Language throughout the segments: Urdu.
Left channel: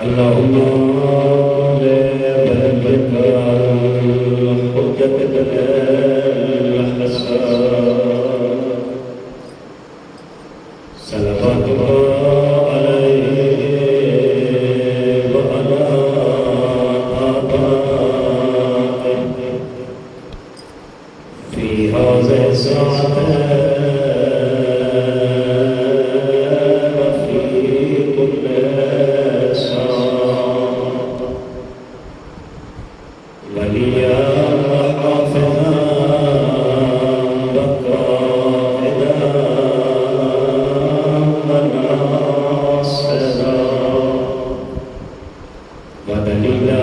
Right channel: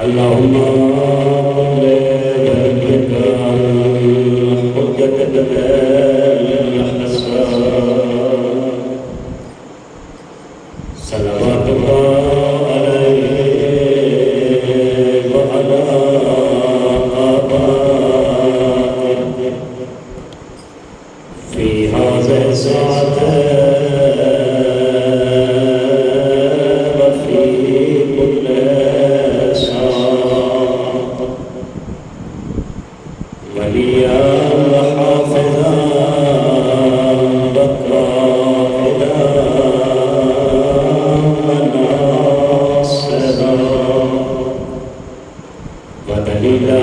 اللهم لبيك حجة الأحسان صلواتك عليه وعلى آبائه في هذه الساعة وفي كل ساعة وليا وحافظا وقائدا وناصرا ودليلا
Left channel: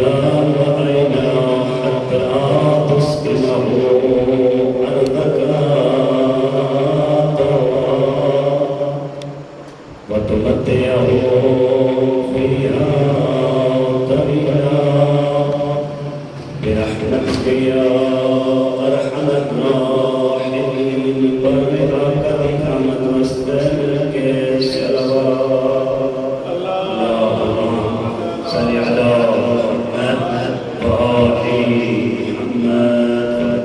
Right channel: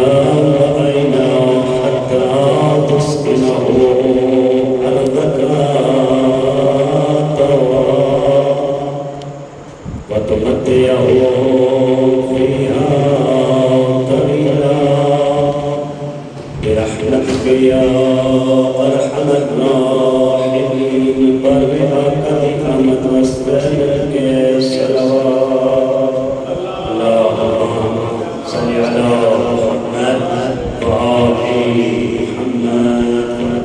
وعينا حتى تسكنه أرضك وتمتعه فيها طويلا برحمتك يا أرحم الراحمين برئك بنعمة واستهلك الصلوات اللهم صل على محمد وآل محمد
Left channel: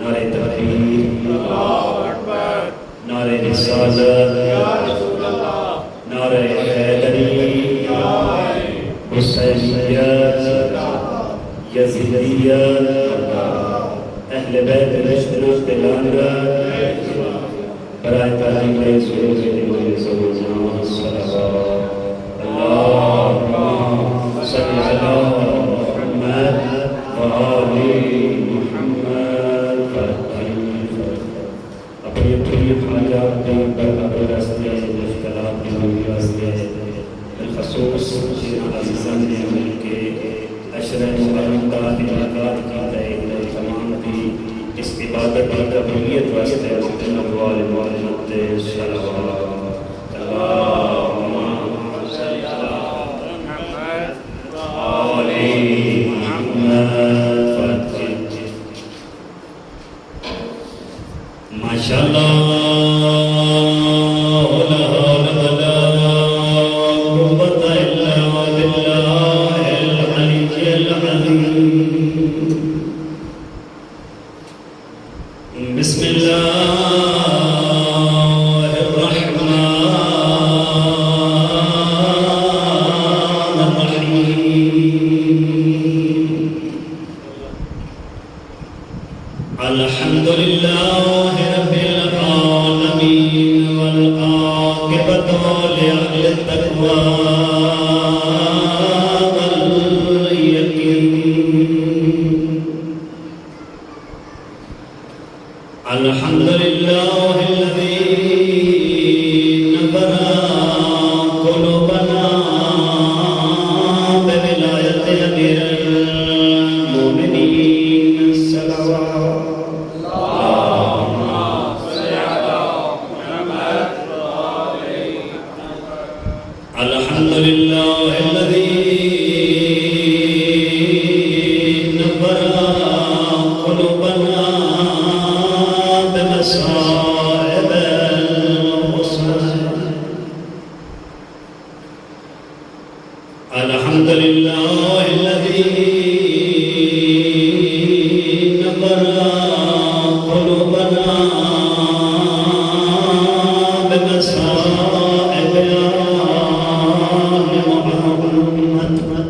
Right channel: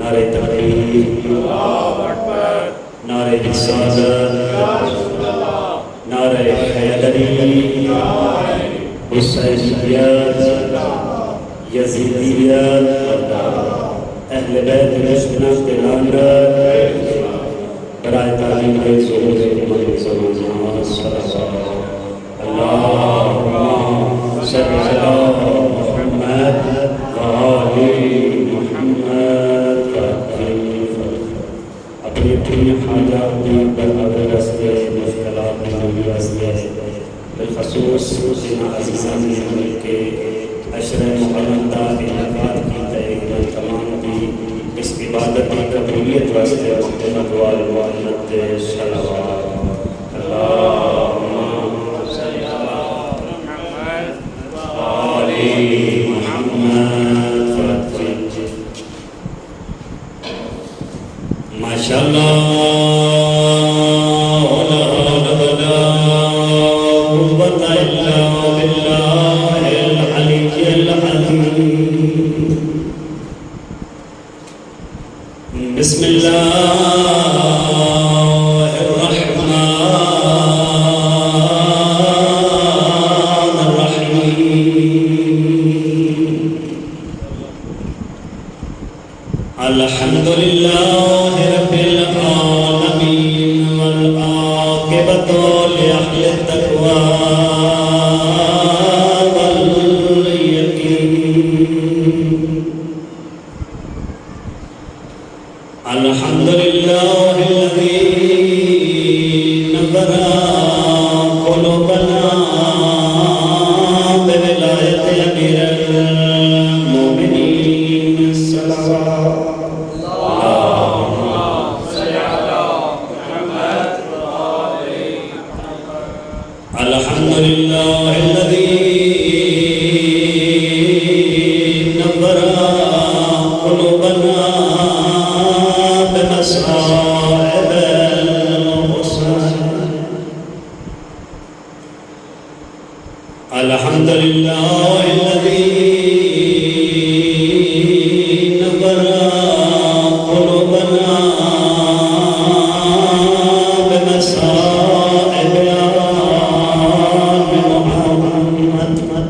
نعرہ تکبیر اللہ اکبر نعرہ رسالت نعرہ حیدری حسینیت یزیدیت اہل بیت رشدنا تلانہ برائے تعلیم رسول محمد صلی اللہ علیہ وسلم اللہم صل علی محمد وآل محمد اپنی اپنی حاجات پر ابرستے مشکلات میں رستے بالخصوص ان عزیزان نے کے اشرف مقدمات انعقاد کی گئی تمام کی اس عبادت کی قبولیت واسطے محمد والد صلوات اللہم صل علی محمد وآل محمد ماشاءاللہ بسم الله الرحمن الرحيم الحمد لله رب العالمين والعاقبة لأهل التقوى الحمد لله الذي نبر قلوبنا بولاية أمير المؤمنين صلوات اللهم صل على محمد وآل محمد الحمد لله الذي نبر قلوبنا بمصائب الحسن الحمد لله الذي نبر قلوبنا بمصائب محمد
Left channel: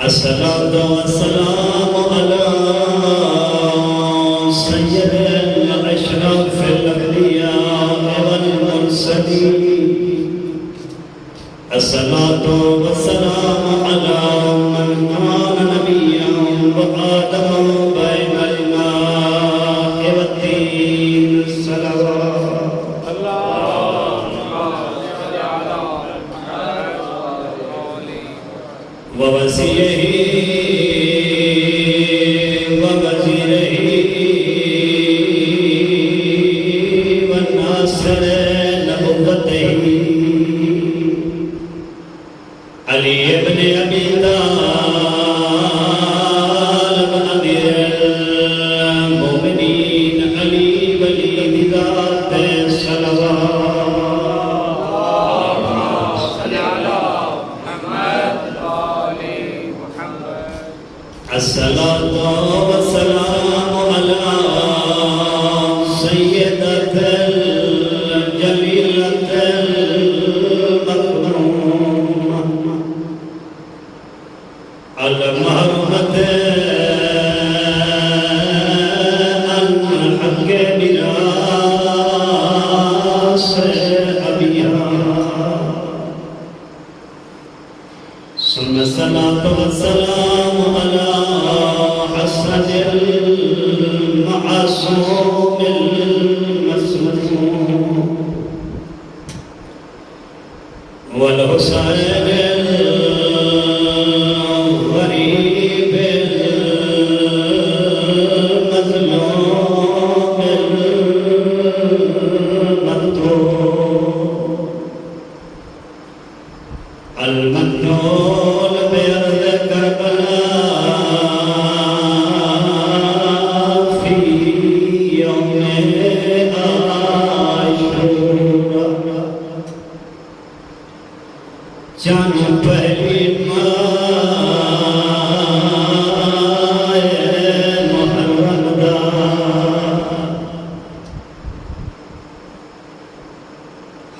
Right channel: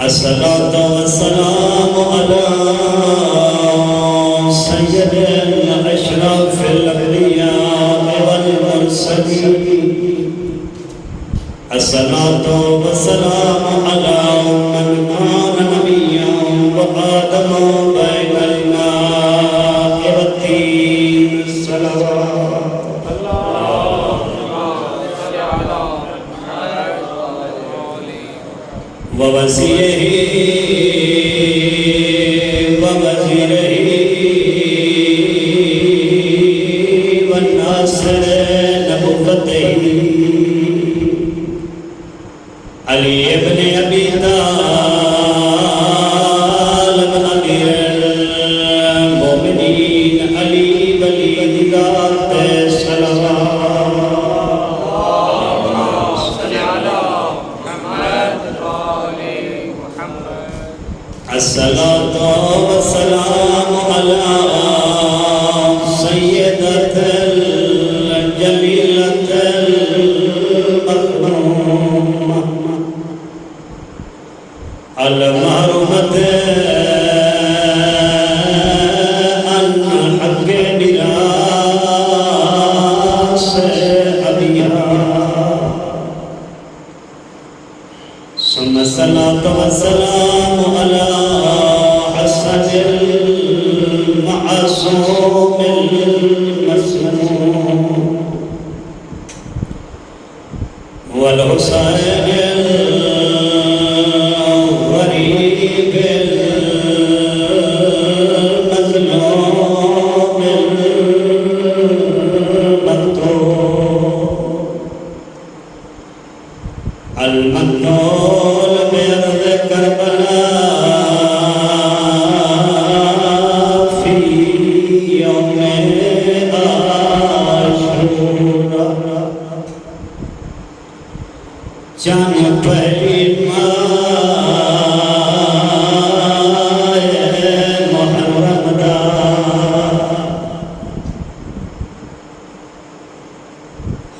الصلاة والسلام على سيد الأشرف الأنبياء والمرسلين الصلاة والسلام على من كان نبيا وآدم بين الماء والدين الصلوات اللهم صل على محمد وآل محمد ووصيه والحسين الغريب المظلوم المقتول المقتول بأرض كربلاء في يوم عاشوراء جان پہلی ماں محرم دا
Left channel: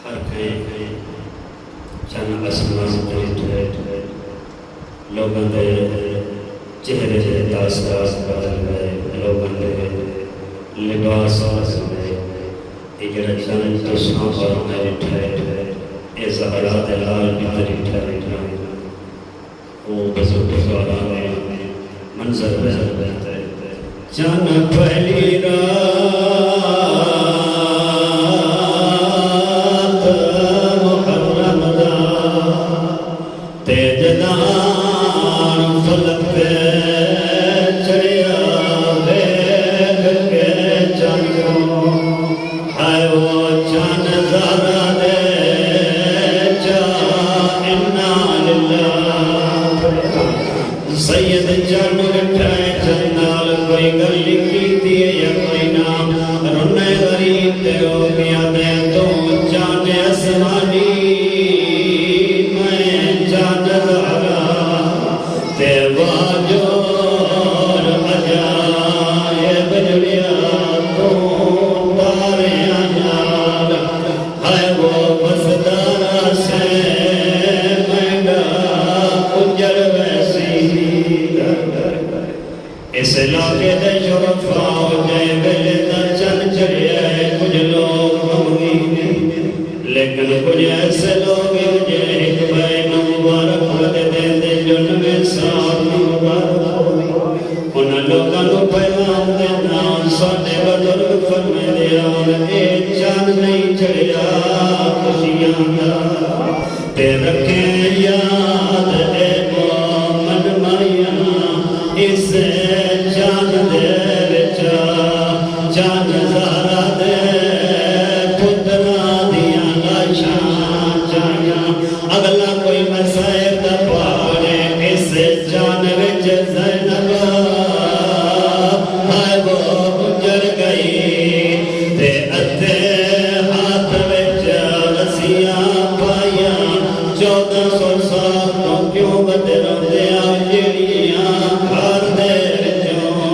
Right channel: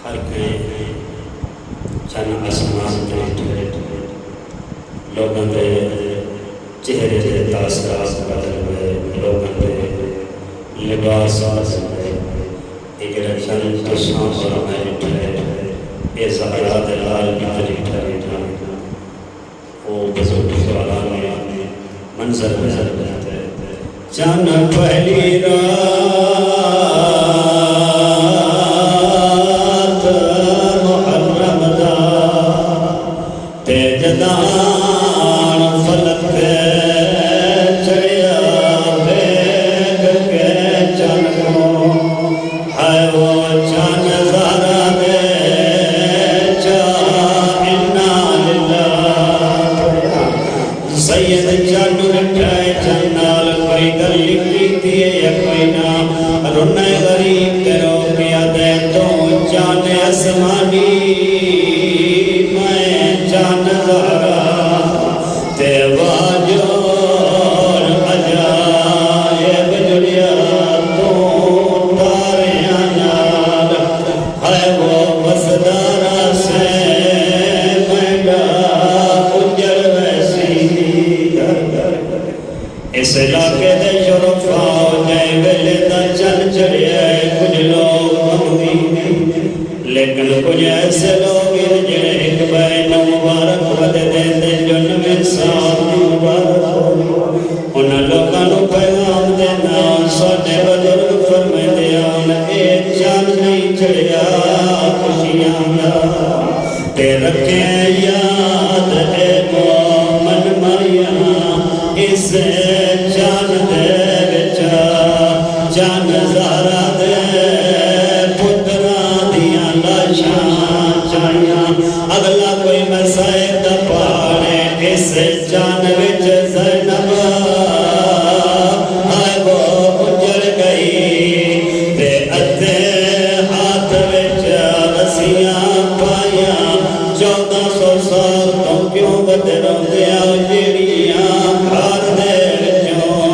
ہر کہیں چند اسمان دے لوگوں دے چہرے دے داستان بدل گئے لوگوں دے لباس بدل گئے اجرا چند دشمن بنائے ٹھہرے اے زہرا دلال ناری ٹھہرے وہ بزرگ جوانوں منظر نظر رہتے چند پہلی رات محرم دا تیجدان فلک چڑیا بیگ کے چنگوں ہے وہ چند زہرا دے سید چند رکھائے چندال کوئی گلی کیتی ہے یا کوئی نام رونے غریب کرو کیا دے تو چاند اسمانی میں چاند زہرا تیواجور عجائب جڑیا تو تاریاں نال ہے وہ وسدارا سے میڈا کجر اس علاقے دے شرفاء جائے ویلے دا چند چڑھے آئے کچھ لوگ ہوئی لیکن کچھ ایسے لوگ جڑے ایک بین مبارک رد دے دے جنم انسان مبارک انہاں لوگاں نو پیغام دینا ساڈے بزرگ فرمائے دیا اے چند نہیں چڑھیا خوشیاں دا تے رکھے یاد اے مومن مریم اس جان دے بچا جان زہرا دے پترا دیا لاشاں چاہیاں اگلا کوئی مسائل دا پارے اس جان وچ زینب ہے وہ گزر گئی بے ادھے ہاتھ وچ رسیاں پائیاں 1400 سال تو کیوں بدلوں دیا جڑیاں گھر دے وچوں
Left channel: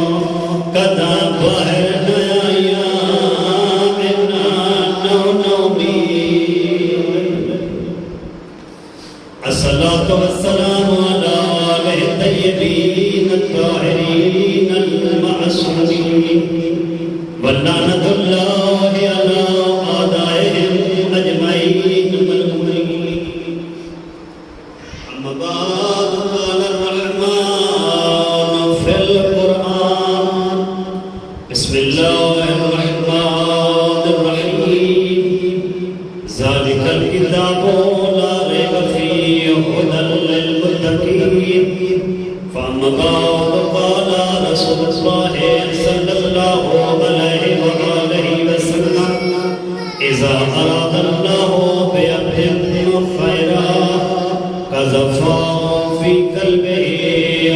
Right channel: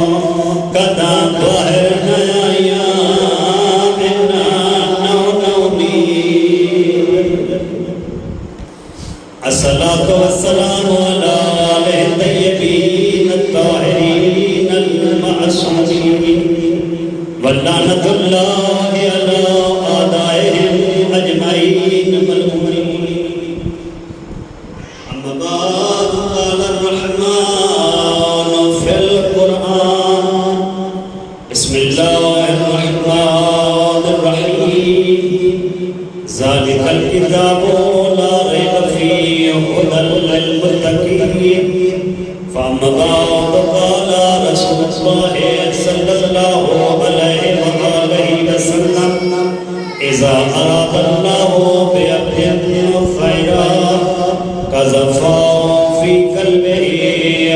کداں باہر نہ آئیاں بنا نومی الصلاۃ والسلام علی آلہ الطیبین الطاہرین المعصومین ولعنۃ اللہ علی اعدائهم اجمعین ملعونین اما بعد قال الرحمن في القرآن بسم الله الرحمن الرحيم ذلك الكتاب لا ريب فيه هدى للمتقين فأما بعد قال رسول الله صلى الله عليه وآله وسلم إذا أراد الله بعبد خيرا قذف في قلبه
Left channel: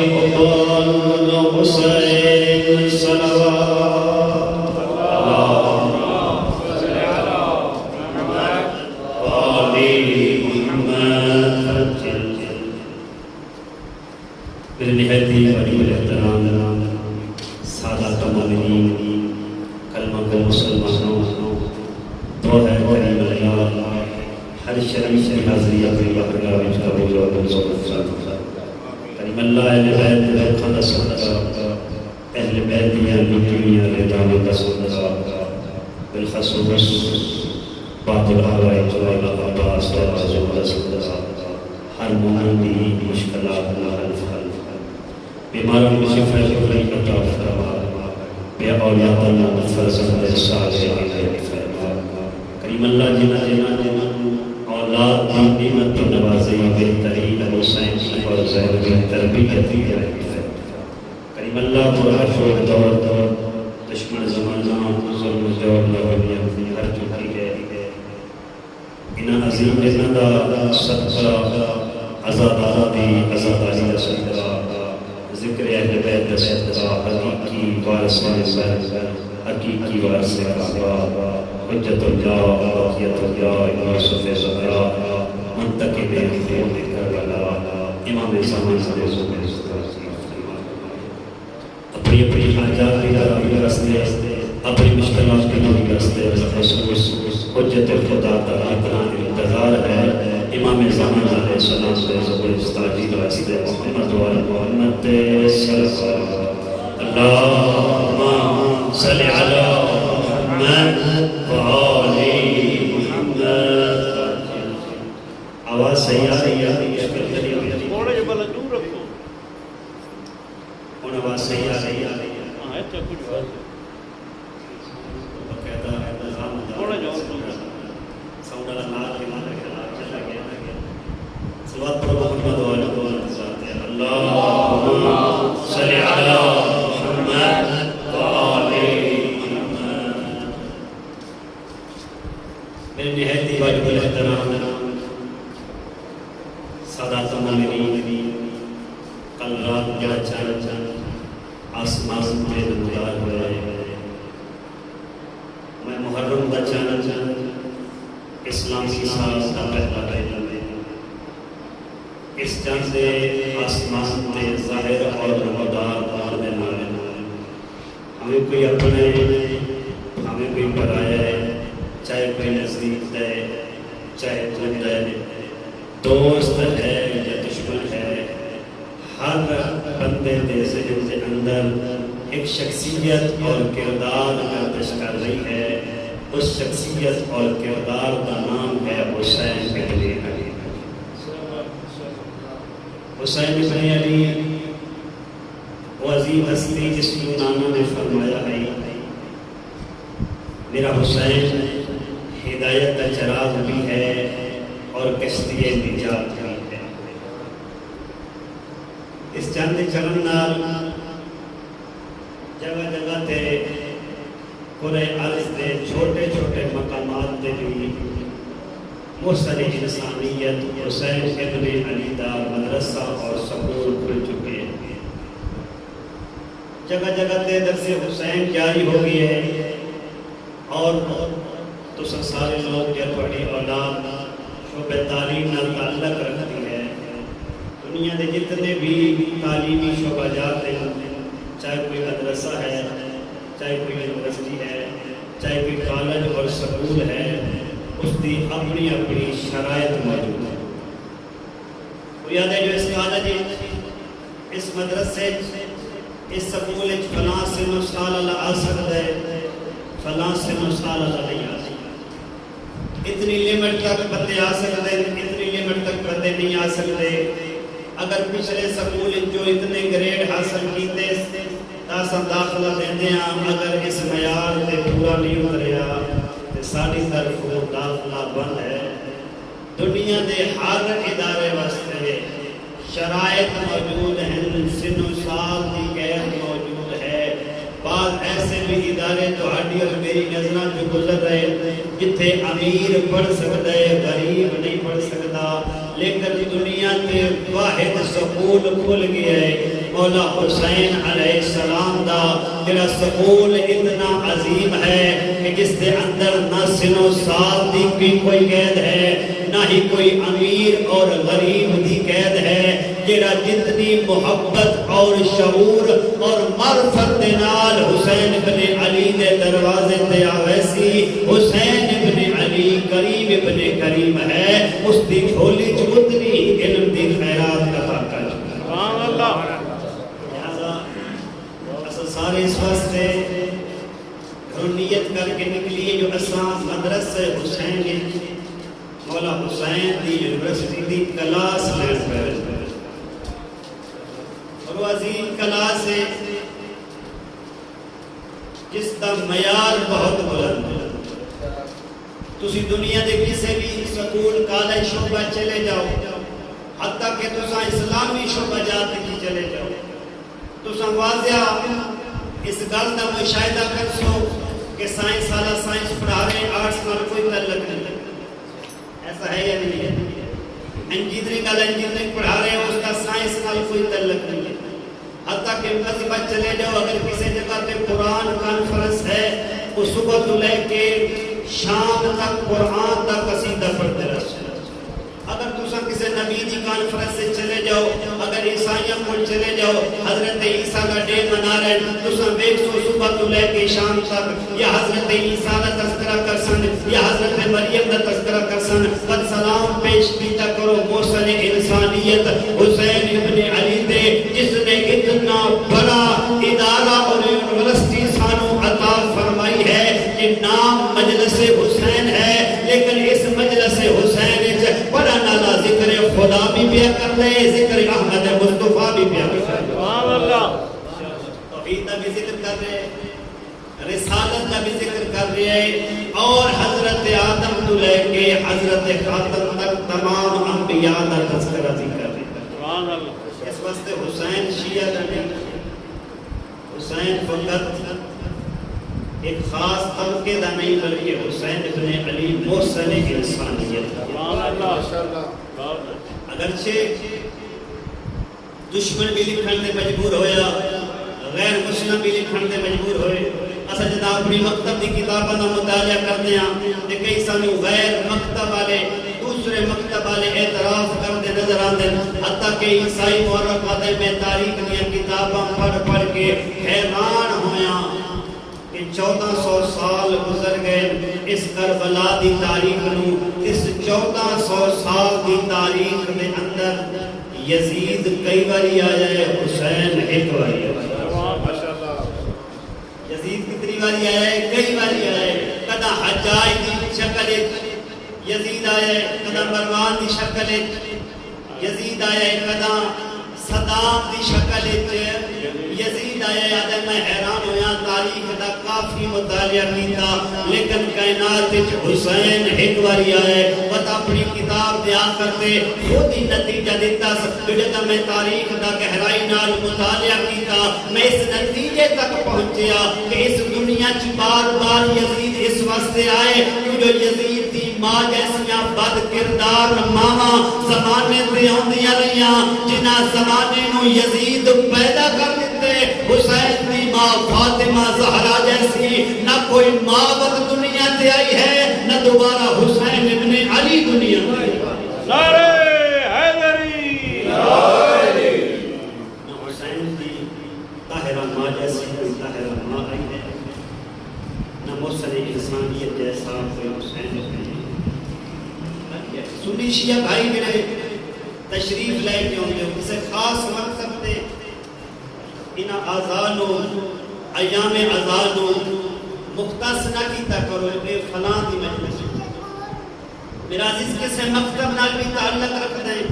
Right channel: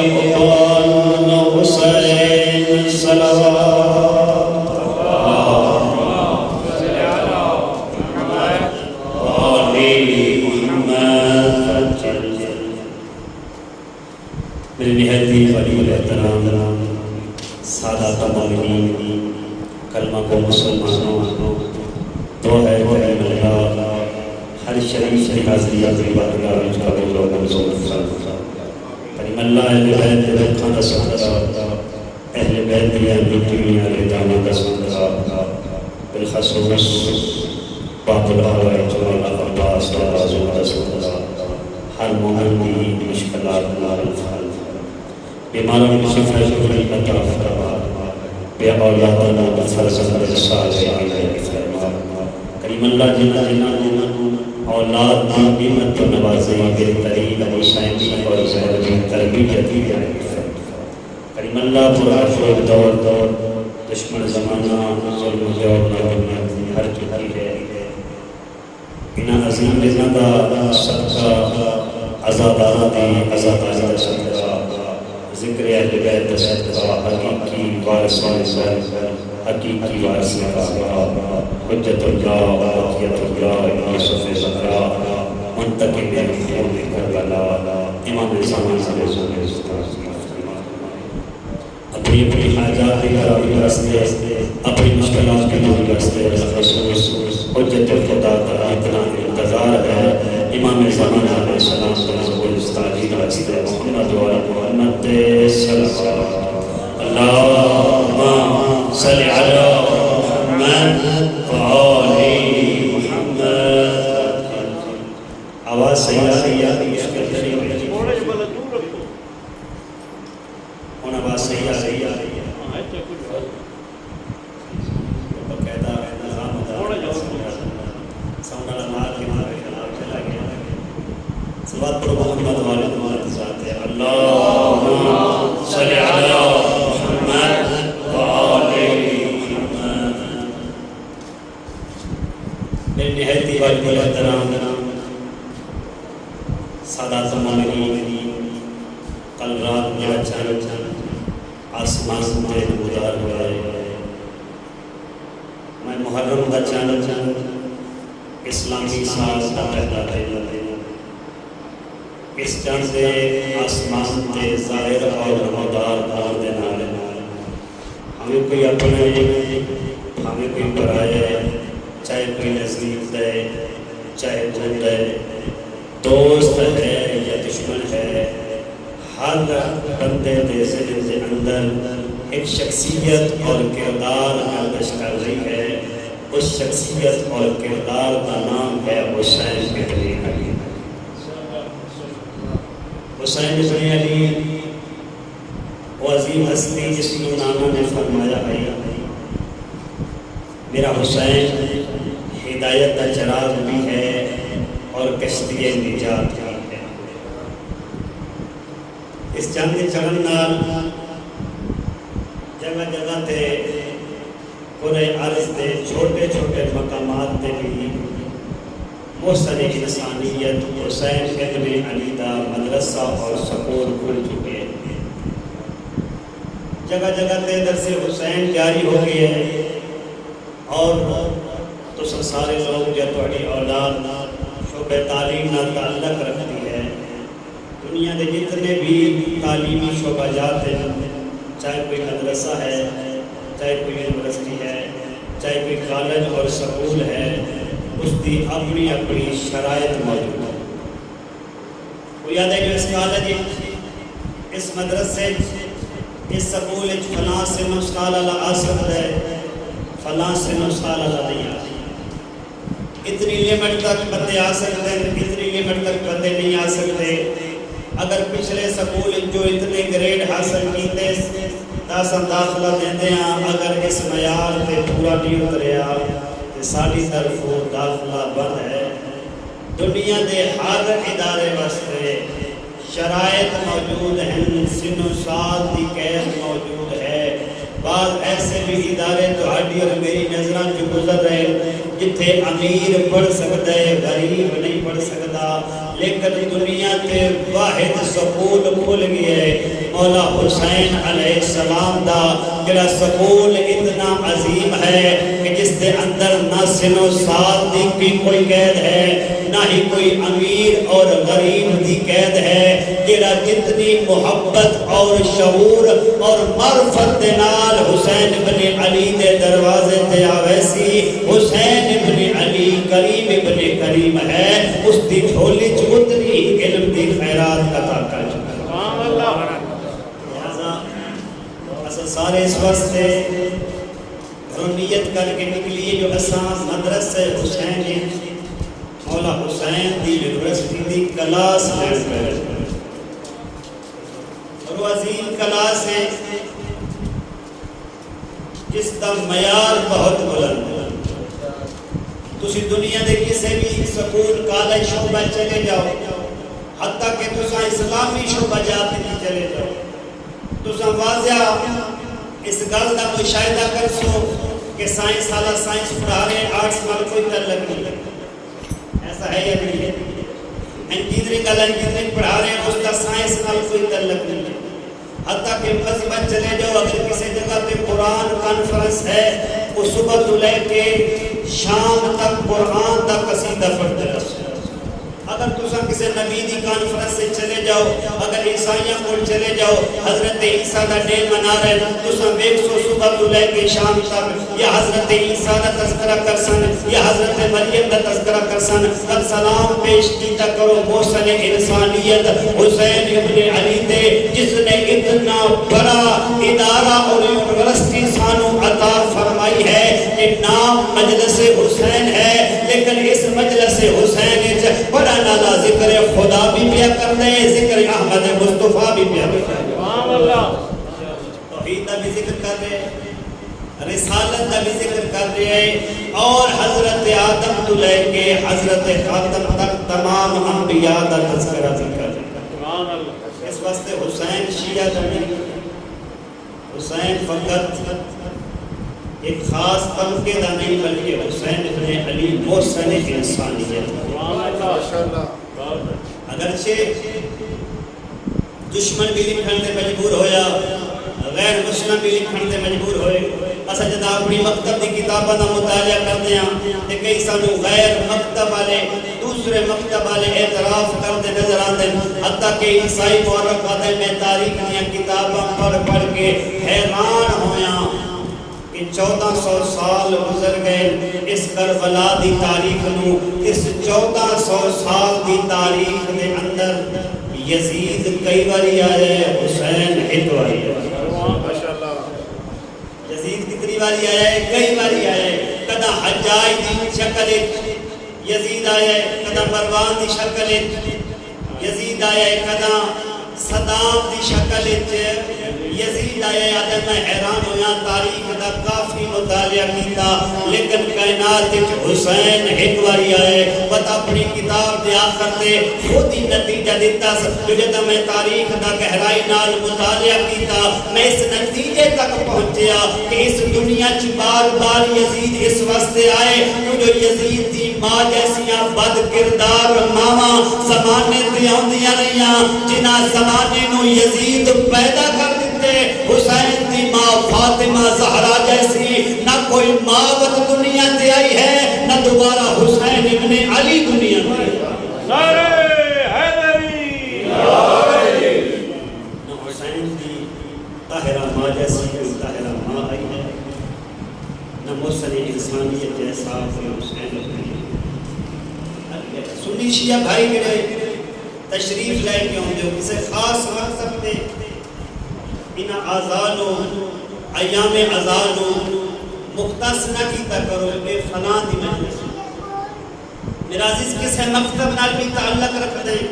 حبان الحسين صلوات اللهم صل على محمد وآل محمد میرے نہایت ہی قریب احترام سادات مومنین کلمہ کو مسلمانوں تو ہے کریم اللہ ہر شریف کی حاضری حاضری بارگاہ وچ قبول و منظور فرما کریم اللہ اہل بیت برکھاں دا صدقہ اہل بیت دیاں نیکیاں رضاواں دا صدقہ بالخصوص باطل احوال جلال عباس و اعظم دا صدقہ ہر مومن دی مشکلات نال حل بیماروں کی شفا عطا فرما بے اولادوں فرزند صالحین فرما کریم اللہ جنہاں اولاد کی قیمت کو نوازی بہترین حسین کی اور زہر کی تربیت کی کریم اللہ کو عفو دور دشمن زمانہ ظلم جور ہر چکی ہے انہاں عظیم نظام دا صدقہ عزادارہ دی عزاداری دا صدقہ ذکر اہل بیت دا صدقہ حقیقی وارثان حقیقی وارث حجت اللہ باقیت اللہ امام یوسف زہرا منتقم خون کربلا امام زمان اپنی اپنی حاجات کی راستے اپنی مشکلات کے راستے حجت الخدا تعالی انتظار ہے امام زمان علیہ السلام سے ظہور استعجیل راستے محمد محمد صلی اللہم صلی علی محمد وآل محمد آواز صحیح آئی اس کے ذریعے آواز صحیح آ رہی ہے باقاعدہ نظام ساؤنڈ اللہ کے نعرے کے نام چلا گیا صلوات پڑھو محمد والے دوارے ساتھ ہے اللہم صلی علی محمد وآل محمد میرے نہایت واجب احترام سادات المؤمنین کل رات یا اچانک آسمان کے نمودار ہوئے میں محرم دا چاند اسلامی سال دا پیدا ہے اس چاند دے آسمان دے ظاہر اور نمودار آن دے نال ہمیں کوئی اپنے ہمیں کوئی پرائے چاہے کوئی نزدیک ہے چاہے جن ہے دوست ہے یا دشمن ہے ہر بندے دے ذہن کے اندر ایک شخصیت اور کردار گردش کر رہی ہے اس شخصیت اور کردار کا نام ہے حسین بن علی حسین بن علی وہ عظیم ہستی جس کو ناموں نے فرمایا ہے میرا حسین ہدایت کا چراغ بھی ہے اور کشتی نجات بھی ہے اس چاند چڑھن نال جگہ جگہ تے پورے عالم دے چھوٹے چھوٹے مقامات تے بھی محسن انسانیت حسین بن علی دا مدرسہ اور سکول کھل چکے ہیں جگہ جگہ تے درس حسین جاری ہو گئی ہے اور تو سارے لوگ جو تھوڑی اولاد شعبہ تعلیم نال تعلق رکھتی ہے دنیا کے جتنے بھی تعلیمی شعبہ جات ہیں چاہے کوئی مدرسہ ہے چاہے کوئی یونیورسٹی ہے چاہے کوئی کالج اور سکول ہے اس کی اپنی اپنی شرائط موجود ہے وہ یاد ہے کہ اس کالج اس مدرسے اس سکول فلاں سے نسخال اللہ آ سکتا ہے فلاں سے نسخال اللہ نہیں آ سکتا اتنی لیمٹ تک بندے آ سکتے ہیں اتنی لیمٹ تک بندے نہیں آ سکتے اگر پچھلے سکول جو اتنے گریڈ حاصل کیتے تاساں داخلہ دیندے ہیں اگر اس معیار تے پورا نہیں اتریا تے ساڈی طرف داخلہ بند ہے دنیا دے ہر ادارے واسطے شرائط موجود ہیں سن و سال کی قید موجود ہے بعض ایسے بھی ادارے تہاڈی اور میری نظراں جو گزر رہے جتھے امیر پڑھ سکتا ہے غریب نہیں پڑھ سکتا لیکن دنیا کے واحد سکول کھل گیا ہے مولا حسین علیہ السلام دا جڑا سکول اتنا عظیم ہے کہ جس کے اندر نہ سن و سال کی کوئی قید ہے نہ ہی کوئی امیر اور غریب کی قید ہے جڑا جتنی محبت اور شعور اور معرفت دے نال حسین بن علی دے دروازے تے آوے سی حسین بن علی کریم ابن کریم ہے اس دی جھولی چ اتنی علم دی خیرات عطا کر سبحان اللہ لہذا اصل سارے اس واسطے نیت کر کے نکلیے جو اساں مدرسہ حسین مولا حسین دی یونیورسٹی دی کلاس لین کر اور عظیم کلاس ہے جس کا معیار بہت بلند ہے تو تسی دنیا دے کسی بھی سکول کالج شعبہ چلے جاؤ، حتیٰ کہ تساں اسلامی شعبہ جات کی چلے جاؤ، تساں واضح اس گل کا مشاہدہ کر سو کہ سائنس والا سائنس پڑھا رہے، آرٹس نال کوئی تعلق نہیں، ایسا ہے یا نہیں ہے؟ انجینئرنگ والا انجینئرنگ پڑھا رہے ہیں، اس کا سائنس نال کوئی تعلق نہیں ہے۔ حتیٰ کہ مذہب چلے جاؤ، اگر کسی جگہ پہ قرآن کانفرنس ہے، وہ صبح تو لے کے شام تک قرآن کا قصیدہ پڑھتے رہو۔ اگر تساں کسی نبی دی کانفرنس سے چلے جاؤ، اگر عیسائیاں کو چلے جاؤ، حضرت عیسیٰ کا ڈے منا رہے، تساں دیکھ سو صبح تو لے کے شام تک یا حضرت عیسیٰ کا تذکرہ کر سن یا حضرت مریم کا تذکرہ کر سن، سلام پیش کیتا کرو محسن انسانیت حسین ابن علی دے، جس نے اتنا بڑا ادارہ اور یونیورسٹی سانو عطا فرمائی ہے کہ نام مجلس حسین ہے، لیکن اس مجلس حسین بڑا نالا ذکر خدا بھی پیا کر دے، ذکر احمد مصطفیٰ بھی پیا کر دے، توحید کا بھی ذکر کر رہے، رسالت کا بھی ذکر کر رہے، اور حضرت آدم تو لے کے حضرت خاتم تک تمام انبیاء کا تذکرہ ذکر رہے۔ اس واسطے حسین شیعہ نہیں، حسین فقط ایک خاص طبقے کا نہیں بلکہ حسین ابن علی محسن انسانیت ہے۔ اگرچہ دشمن بھی لکھن سے مجبور ہویا، غیر مسلم بھی لکھن سے مجبور ہوئے، اصل جدا اپنی مکتب دی کتابوں کا مطالعہ کرتے ہیں کہ کئی سانو غیر مکتب والے دوسرے مکتب والے اعتراف کرتے نظر آتے ہیں، حتیٰ کہ عیسائی مورخ آتے میں تاریخ دیا کتاباں پڑھ کے حیران ہویا کہ 1400 سال گزر گئے اس کربلا دی تاریخ نو، اس 1400 سال دی تاریخ دے اندر یزید کئی باری آئے، حسین ایک باری آئے۔ یزید کتنی باری آئے؟ کئی باری آئے۔ کدا حجاج دی شکل یزید آئے، کدا مروان دی شکل یزید آئے، کدا صدام دی شکل یزید آئے۔ آدم میں حیران ہویا، تاریخ دا کافی مطالعہ کیتا، لیکن کائنات حسین ایک باری آئے۔ پتہ اپنی کتاب دے آخر تے خود ہی نتیجہ دیتا، جب میں تاریخ دا گہرائی نال مطالعہ کیتا، میں اس نتیجے تک پہنچیا کہ اس دنیا چ بار بار یزید اس واسطے آئے جو یزید دی ماں جیسیاں بد کردار ماواں زمانے تے آندیاں رہیاں، جنہاں زمانے نو یزید پیدا کر دیتے۔ حسین دی ماں فاطمہ زہرا جیسی نہ کوئی ماں وقت دنیا تے آئی ہے، نہ دوبارہ حسین ابن علی دنیا میں آئی۔ نعرہ حیدری، نہ حسین دی طاہرہ ماں جیسی کوئی طاہرہ ماں آئی ہے، نہ محسن انسانیت جیسا کوئی حسین ابن علی۔ سنی شیعہ بھائی میرے تشریف لے کے ہوں گے کسی خاص مقصد تے انہاں آزانو ایام آزانو مختص نہ کیتا کرو اے فلاں دی مجلس۔ میرا عزیز کسی مکتب نال بھی تعلق رکھ دیں،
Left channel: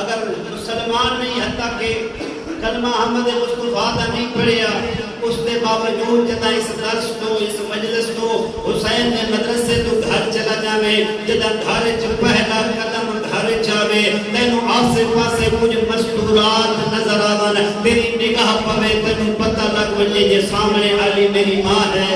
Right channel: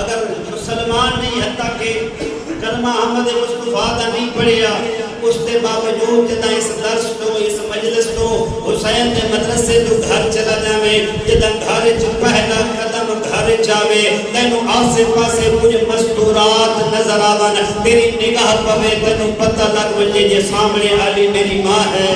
اگر مسلمان نہیں حتیٰ کہ کلمہ احمد مصطفیٰ دا نہیں پڑھیا، اس کے باوجود جدا اس درس تو اس مجلس تو حسین دے مدرسے تو گھر چلا جاوے، جدا گھر چ پہلا قدم گھر جاوے، تینوں آسے پاسے کچھ مستورات نظر آون، تیری نگاہ پوے تینوں پتہ لگ وجے جے سامنے علی میری ماں ہے،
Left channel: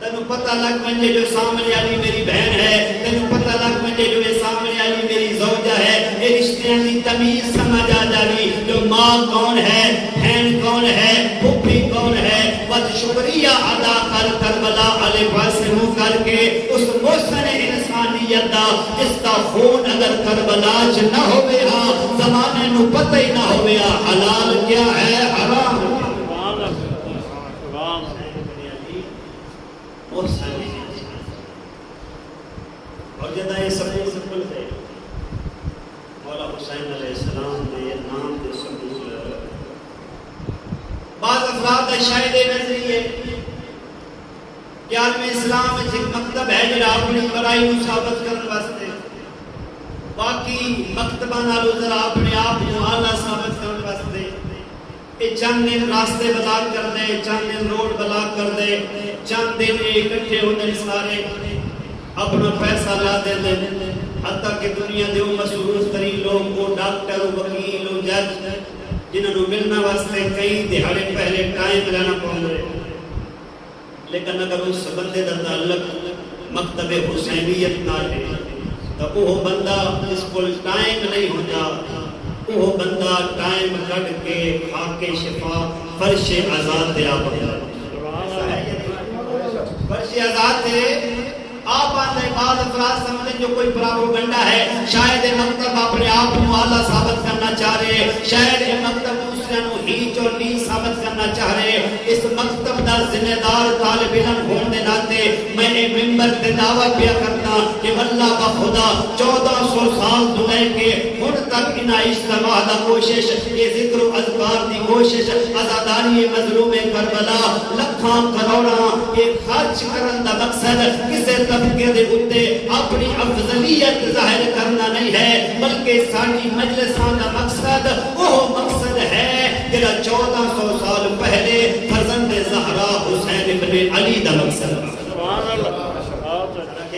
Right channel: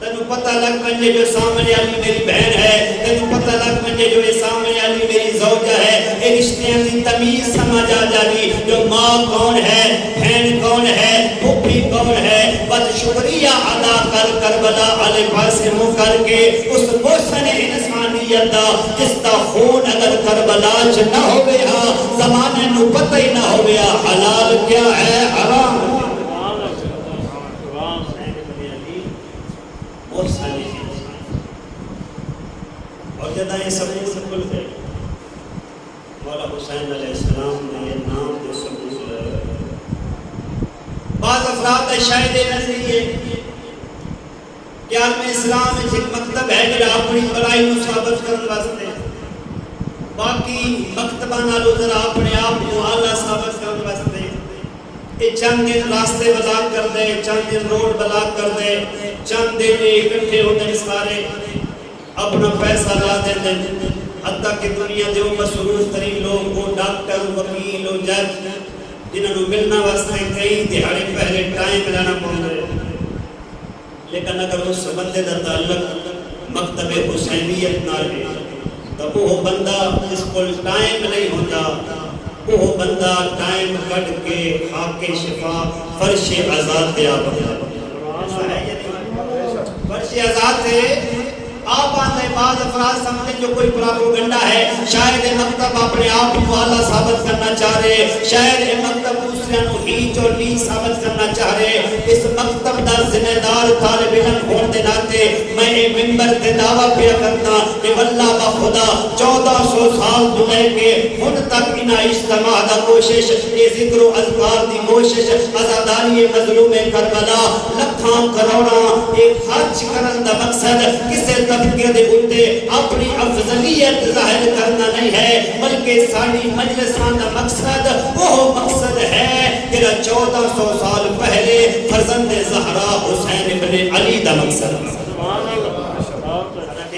تینوں پتہ لگ وجے جو سامنے علی میری بہن ہے، تینوں پتہ لگ وجے جو سامنے علی میری زوجہ ہے، اے رشتے کی تمیز سمجھ آ جاوی، جو ماں کون ہے، بہن کون ہے، پھوپھی کون ہے، بد شکریہ ادا کر کربلا والے پاسے منہ کر کے اس محسن انسانیت دا جس دا خون اگر کربلا چ نہ ہوئے ہاں زمانے نو پتہ ہی نہ ہوئے حلال کیا ہے حرام اور جدا یہ سب سے کھل گئے مولا حسین علیہ السلام نے یہ نام دے سبول بعض افراد شاید نظریے کہ عالم اسلام میں ایک مکتب ہے جڑا اپنی بڑائی نو ثابت کرنے واسطے، باقی مکتبہ نالو ذرا اپنے آپ کو اعلیٰ ثابت کرنے واسطے یہ چند دن راستے بلاک کر دے، چند دن روڈ بلاک کر دے، چند دن اکٹھے ہونے سارے اپنا پیسہ لا دیں دیں، حتیٰ کہ دنیا دے مصروف ترین لوگ کو ڈاکٹر، وکیل و جج جنہوں نے ملنا واسطے کئی دہاڑے پہلے ٹائم لینا پڑ رہے، لیکن اگر اس بندے کا تعلق مکتب حسینیت نہ ہے تو وہ بندہ اس کو ٹائم نہیں ہوتا، وہ بندہ ٹائم کٹ کے خاک شفا فرش آزاد دیا ہوتا ہے، فرش آزاد ہے۔ آپ آنے بعد افراد سمجھیں جو کوئی پراپوگنڈا ہے، شاید مکتب اپنے آپ کو اعلیٰ ثابت کرنا چاہ رہے، شاید مکتب دوسرے کو ہیچ اور نیچ ثابت کرنا چاہ رہے۔ اس مکتب دا ذمہ دار طالب علم ہونے دے ناتے میں یہ منبر تے دعویٰ پیا کرنا کہ واللہ با خدا 1400 سال دلے کے ہن تک انہا اجتماع دا کوشش، یہ ذکر و اذکار دی کوشش، ازاداری مظلوم کربلا لکھاں کروڑاں یہ خرچ کرن دا مقصد کسے طبقے دے اٹھے اپنی افضلیت ظاہر کرنا نہیں ہے، بلکہ ساری مجلسان کا مقصد وہ مقصد ہے کہ 1400 سال پہلے فرزند زہرا حسین ابن علی دا مقصد ہے،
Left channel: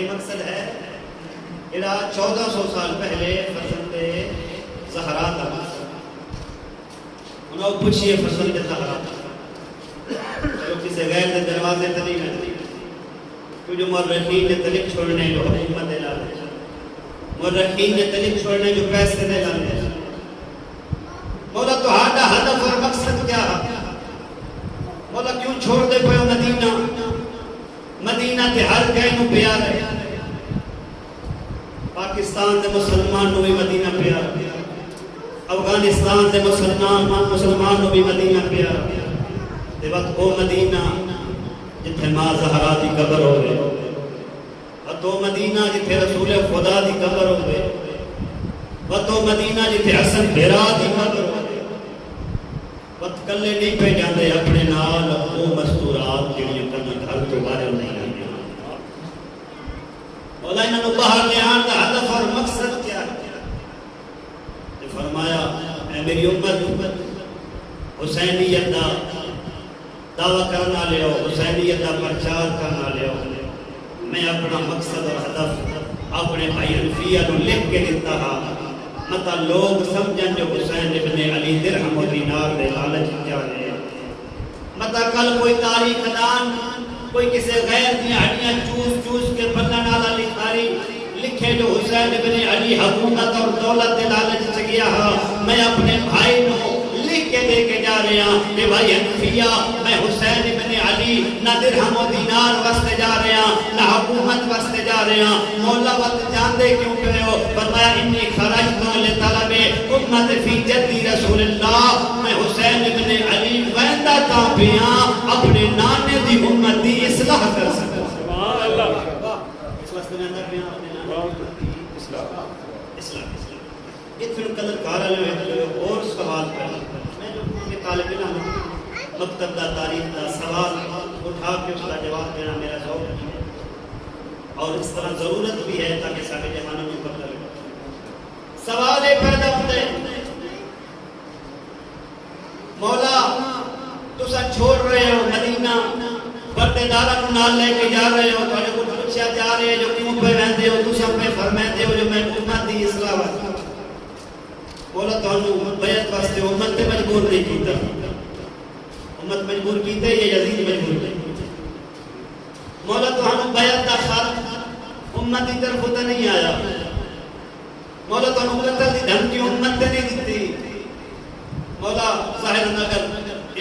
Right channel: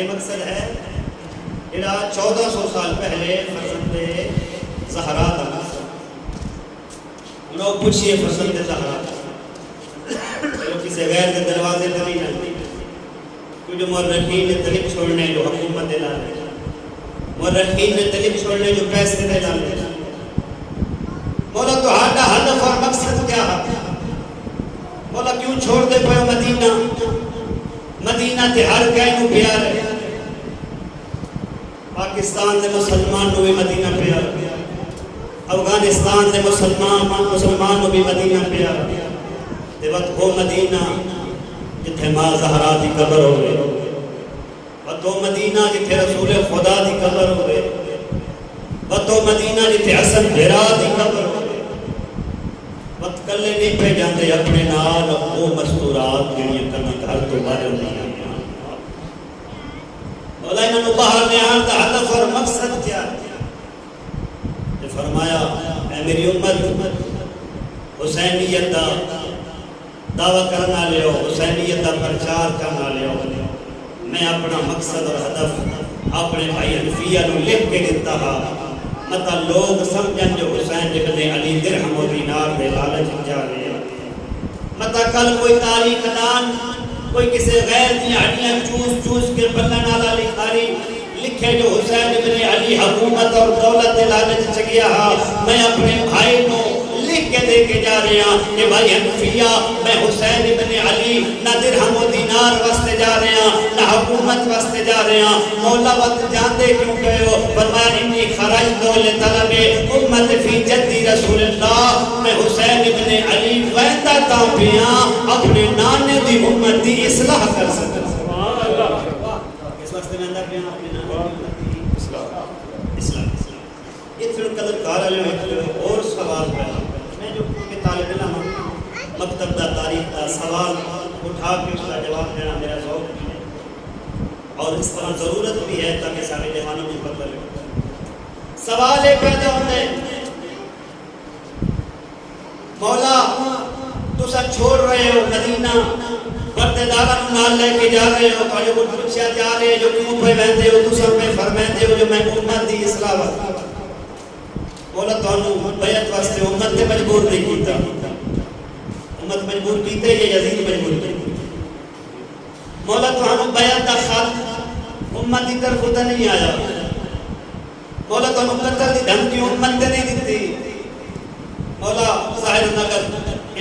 مقصد ہے جڑا 1400 سال پہلے فرزند زہرا دا مقصد، انہوں پوچھئے فرزند زہرا چلو کسی غیر دے دروازے تے نہیں رہتی، جو مرحین نے طلب چھوڑنے جو حکومت دے لالے، مرحین نے طلب چھوڑنے جو پیسے دے لالے، مولا تو ہاڈا ہدف اور مقصد کیا ہے؟ مولا کیوں چھوڑ دے پہ مدینہ؟ مدینہ تے ہر کہنو پیار ہے، پاکستان دے مسلمان نو بھی مدینہ پیار ہے، افغانستان دے مسلمان نو بھی مدینہ پیار ہے، تے وقت وہ مدینہ جتھے ماں زہرا دی قبر ہوئے، اور تو مدینہ جتھے رسول خدا دی قبر ہوئے، اور تو مدینہ جتھے حسن بھیرا دی قبر ہوئے، وقت کلے نہیں پہ جاندے اپنے نال وہ مستورات جنہیں کنت ہر تو باہر نہیں آئے، مولا انہوں نے باہر نہار دا ہدف اور مقصد کیا ہے؟ فرمایا اے میری امت حسینیت دا دعویٰ کرنا لے ہو، حسینیت دا پرچار کرنا لے ہو، میں اپنا مقصد اور ہدف اپنے بھائی حنفیہ نو لکھ کے دیتا ہا، مطا لوگ سمجھن جو حسین ابن علی درہم و دینار دے لالچ جا رہے ہیں، مطا کل کوئی تاریخ دان کوئی کسی غیر دی ہڈیاں چوس کے بلن والا لکھے جو حسین ابن علی حکومت اور دولت دے لالچ چگیا ہا، میں اپنے بھائی نو لکھ کے دے کے جا رہے ہیں کہ بھائی حنفیہ میں حسین ابن علی نہ درہم و دینار واسطے جا رہے ہیں نہ حکومت واسطے جا رہے ہیں، مولا وقت جاندے کیوں گئے ہو؟ فرمایا انی خرجت لطلب امت فی جدی رسول اللہ، میں حسین ابن علی ویندا تا پیاں اپنے نانے دی امت دی اصلاح کر سکتا، اس واسطے میں اندر پیاں اپنے نانے دی اصلاح یہ پھر قدر کارا جو ہے اور سوال کرنا، میں جو کہ طالب علم مکتب دا تاریخ دا سوال اٹھا کے اس کا جواب دینا میرا ذوق نہیں ہے، اور اس طرح ضرورت بھی ہے تاکہ سارے جہانوں میں پتہ لگے۔ سوال ایک پیدا ہوتے مولا تو سا چھوڑ رہے ہو مدینہ، بردے دارہ نال لے کے جا رہے ہو، تو جو پوچھا جا رہے جو کیوں پہ بہتے ہو، تو سب پہ فرمائتے ہو جو میں امت دی اصلاح واسطے، مولا تو انہوں بیعت واسطے امت تے مجبور نہیں کیتا، امت مجبور کیتے یہ یزید مجبور کیتے، مولا تو انہوں بیعت دا خط امت دی طرف ہوتا نہیں آیا، مولا تو انہوں قتل دی دھمکی امت تے نہیں دیتی، مولا ظاہر نگر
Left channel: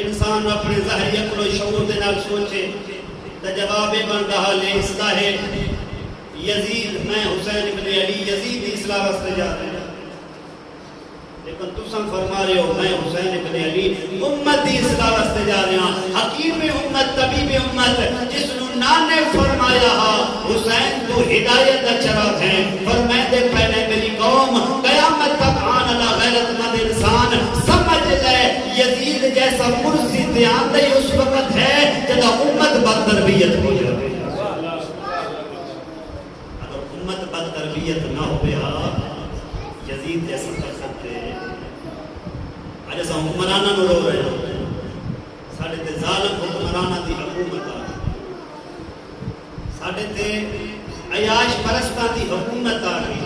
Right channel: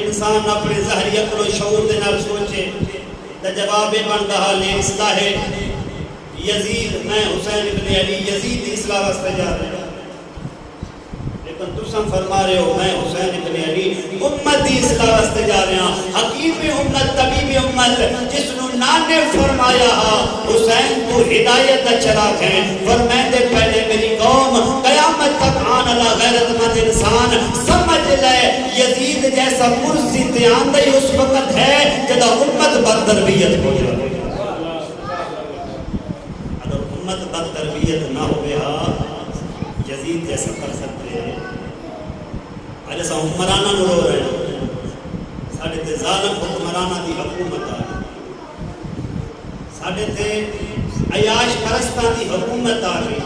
انسان اپنے ظاہری عقل و شعور دے نال سوچے تا جواب بندہ لے اصلاح یزید، میں حسین ابن علی یزید دی اصلاح واسطے جا رہے ہیں، لیکن تسم فرما رہے ہو میں حسین ابن علی امت دی اصلاح واسطے جا رہے ہیں، حکیم امت طبیب امت جس نے نانے فرمایا حسین تو ہدایت دا چراغ ہے، فرمائے پہلے میری قوم قیامت تک آن اللہ غیرت مند انسان سمجھ لے یزید جیسا کرسی دیان دے اس وقت ہے جدا امت بد تربیت ہو جائے، اگر امت بد تربیت نہ ہو گیا یزید جیسا کر سکتے ہیں، آج ایسا حکمرانہ نو رو رہے ہیں، ساڑھے تے ظالم حکمرانہ دی حکومت آ ساڑھے تے عیاش پرستان دی حکومت آ گئی،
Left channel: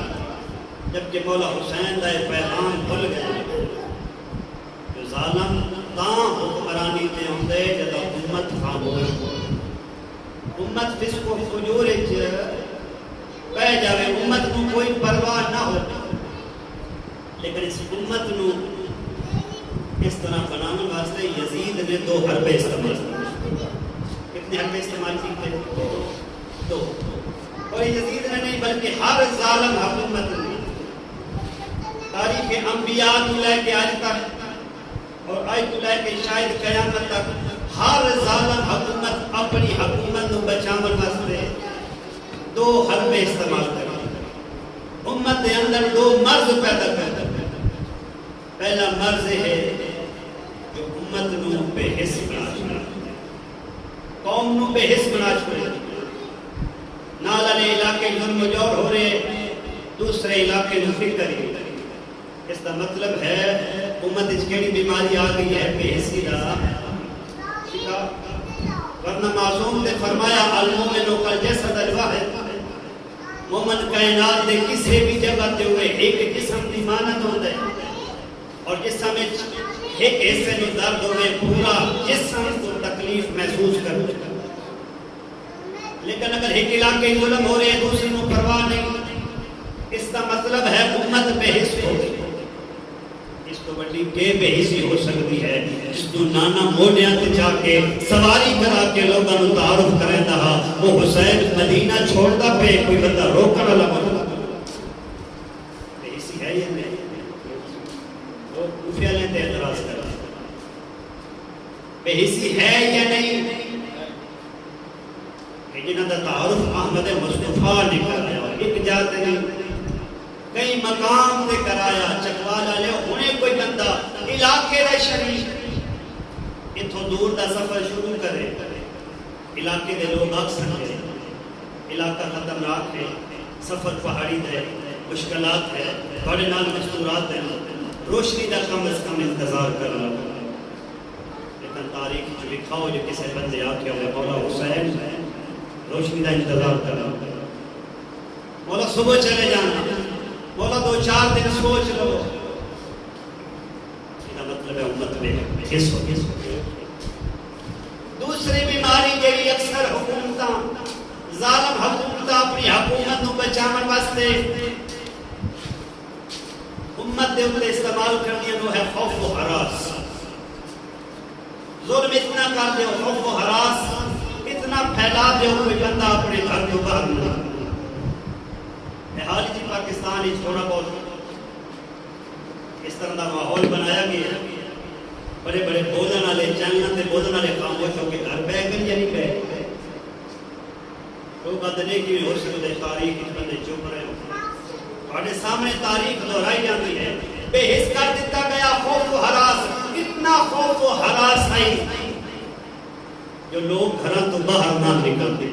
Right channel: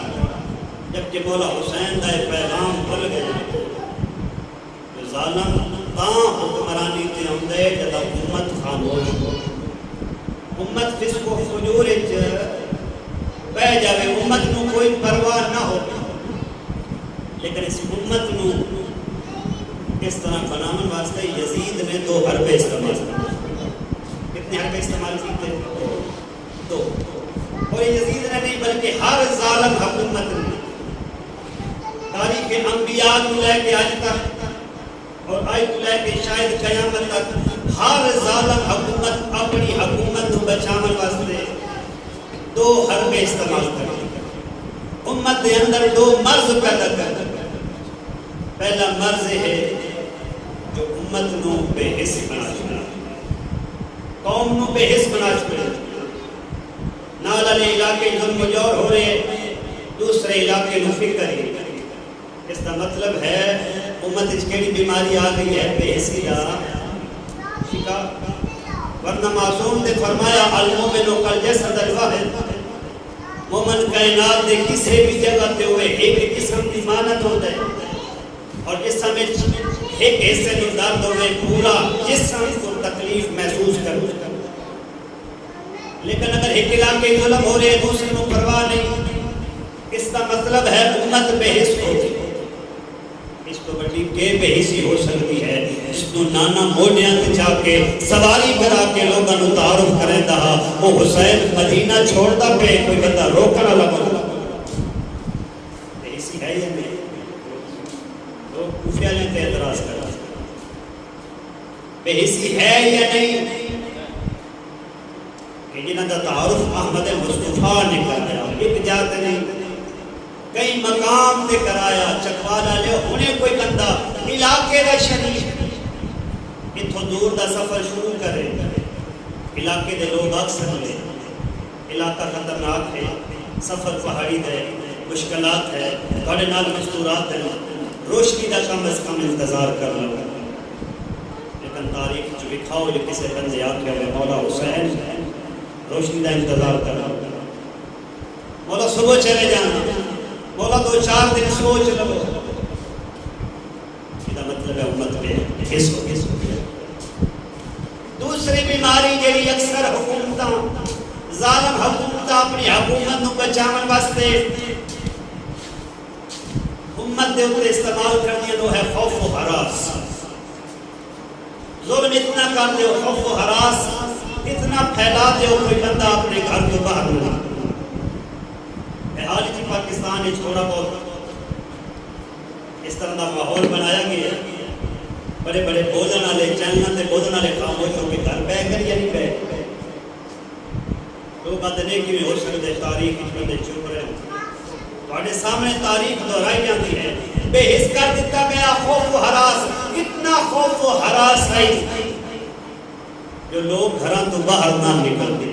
جبکہ مولا حسین دا پیغام بھول گئے کہ ظالم تاں حکمرانی تے ہوندے جدا امت خاموش ہو، امت فسق و فجور بہ جاوے، امت نو کوئی پرواہ نہ ہو، لیکن اس امت نو اس طرح بناون واسطے یزید نے 2 حربے استعمال کی۔ کتنے حربے استعمال کی تھے؟ 2۔ اور یزید نے نہیں بلکہ ہر ظالم حکومت نے تاریخ انبیاء کو لے کے آج تک اور آج کو لے کے شاید قیامت تک ہر ظالم حکومت اپنی حکومت کو بچانے واسطے 2 حربے استعمال کرتی، امت کے اندر 2 مرض پیدا کرتا۔ پہلا مرض ہے جو امت نو بے حس بنا چھوڑے، قوم نو بے حس بنا چھوڑے، نال والے علاقے ظلم و جور ہو رہے، دوسرے علاقے نو فکر ہی۔ اس کا مطلب ہے امت وچ کیڑی بیماری آ گئی ہے؟ بے حسی دا شکار۔ ورنہ معصوم نے فرمایا المومن کالجسد الواحد، مومن کائنات دے کسی بھی جگہ تے ہوئے ایک قسم دی مانت ہوندے، اور جسم ایک حصے میں درد ہوئے پورا جسم کو تکلیف محسوس کرو۔ لیکن اگر ایک علاقے ظلم ہو رہے دوسرے کو پرواہ نہیں، اس کا مطلب ہے امت بے حس ہو گئی۔ اس کو بڑی بے حسی ہو سکتی ہے جس کو نانا موڈیاں تے جا کے سواری کرا کے لوگاں نوں تعارف کرے دا وہ حسین مدینہ چھوڑدا پے، کوئی بندہ روکن والا بندا بے حسی ہے یا نہیں؟ لوگ کوفیہ نے تے اعتراض کرا بے حسی ہے یا نہیں؟ کہ جنہاں دا تعارف احمد مصطفیٰ نے کرایا، ایک جات نہیں کئی مقام تے کرایا، چکوالا لے انہیں کوئی بندہ علاقے دا شریف اتھو دور دا سفر شروع کرے، علاقے دے لوگ اکثر لے، علاقہ خطرناک ہے، سفر پہاڑی دے، مشکلات ہے، بڑے نال مستورات ہیں، روشنی دا کم از کم انتظار کر لو۔ لیکن تاریخ جو لکھاؤ جو کسے بندے آکے ہوئے مولا حسین روشنی دا انتظار کر لو، مولا صبح چلے جانا، مولا 2-4 دن سوچ لو۔ یہ مطلب ہے امت میں حس ہو گئی۔ دوسری بیماری جیڑی اکثر حکومتاں ظالم حکومتاں اپنی حکومت نو بچاون واسطے امت دے اوپر استعمال کردیاں وہ ہے خوف و ہراس۔ ظلم اتنا کر دیو، خوف و ہراس اتنا پھیلا دیو کوئی بندہ اپنے گھر تو باہر نہیں۔ حال ہی پاکستان ہی تھوڑا بہت اس طرح کا ماحول بنایا گیا ہے، بڑے بڑے بولن والے چینل تے بولن والے خاموش ہو کے گھر پہ کر یا نہیں پہ لوگ آتے نہیں کہ ہو سکتے تاریخ اس بندے چپ رہے ہیں، تھوڑے سامنے تاریخ دہرائی جاتی ہے، بے حس کر دیتا گیا، خوف و ہراس، اتنا خوف و ہراس ہے جو لوگ گھراں تو باہر نہ نکلتے،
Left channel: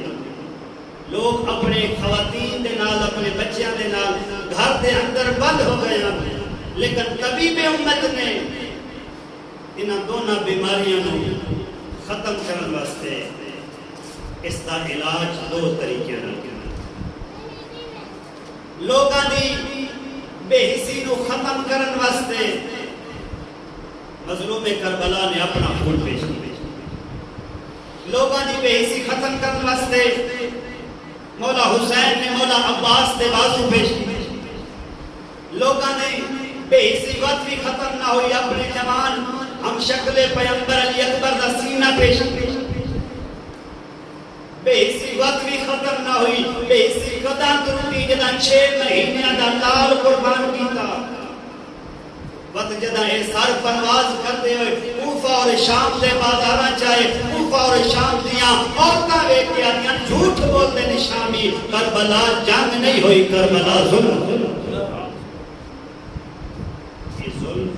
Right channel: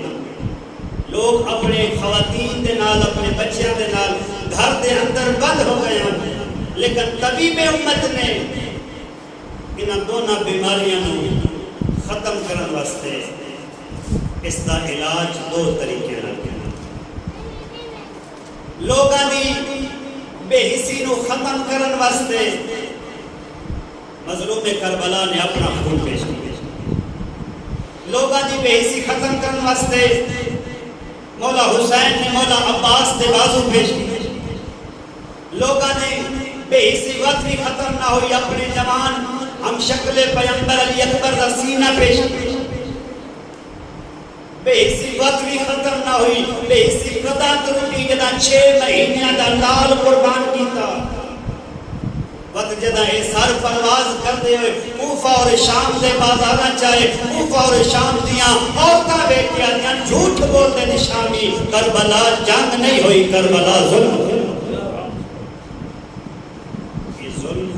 لوگ اپنے خواتین دے نال اپنے بچیاں دے نال گھر دے اندر بند ہو گئے ہیں۔ لیکن طبیب امت نے انہاں دونوں بیماریاں نو ختم کرنے واسطے اس دا علاج 2 طریقے نال کیتا۔ لوگاں دی بے حسی نو ختم کرنے واسطے مظلوم کربلا نے اپنا خون پیش کیا، لوگاں دی بے حسی ختم کرنے واسطے مولا حسین نے مولا عباس دے بازو پیش کیے، لوگاں نے بے حسی وقت بھی ختم نہ ہوئی اپنے جوان ہم شکل پیغمبر علی اکبر دا سینہ پیش کیے، بے حسی وقت بھی ختم نہ ہوئی، بے حسی قداں ترٹی جدا 6 مہینے دا لال قربان کیتا، وقت جدا اے سر پرواز کرتے ہوئے کوفہ اور شام دے بازاراں چاہے کوفہ اور شام دیاں عورتاں ویکھ کے آدیاں جھوٹ بولتے نے شامی، کربلا جنگ نہیں ہوئی، کربلا ظلم۔ یہ ظلم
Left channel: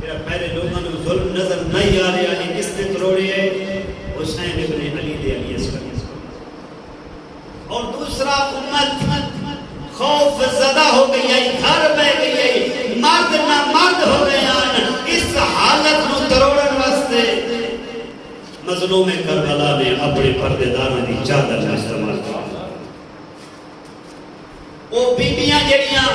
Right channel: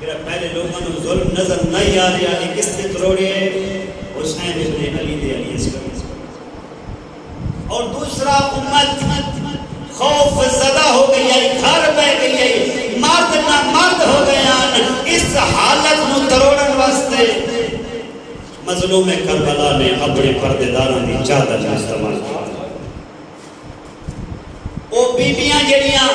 میرا پہلے لوگوں نے ظلم نظر نہیں آ رہا کہ کس نے توڑے حسین ابن علی دے علی اصغر، اور دوسرا امت خوف زدہ ہو گئی ہے، گھر بہ گئی ہے، مرد نہ مرد ہو گئے ہیں۔ اس حالت نو تروڑن واسطے مظلوم کربلا نے اپنے پردے داراں دی چادر نہ استعمال کیا او بیبیاں جڑیاں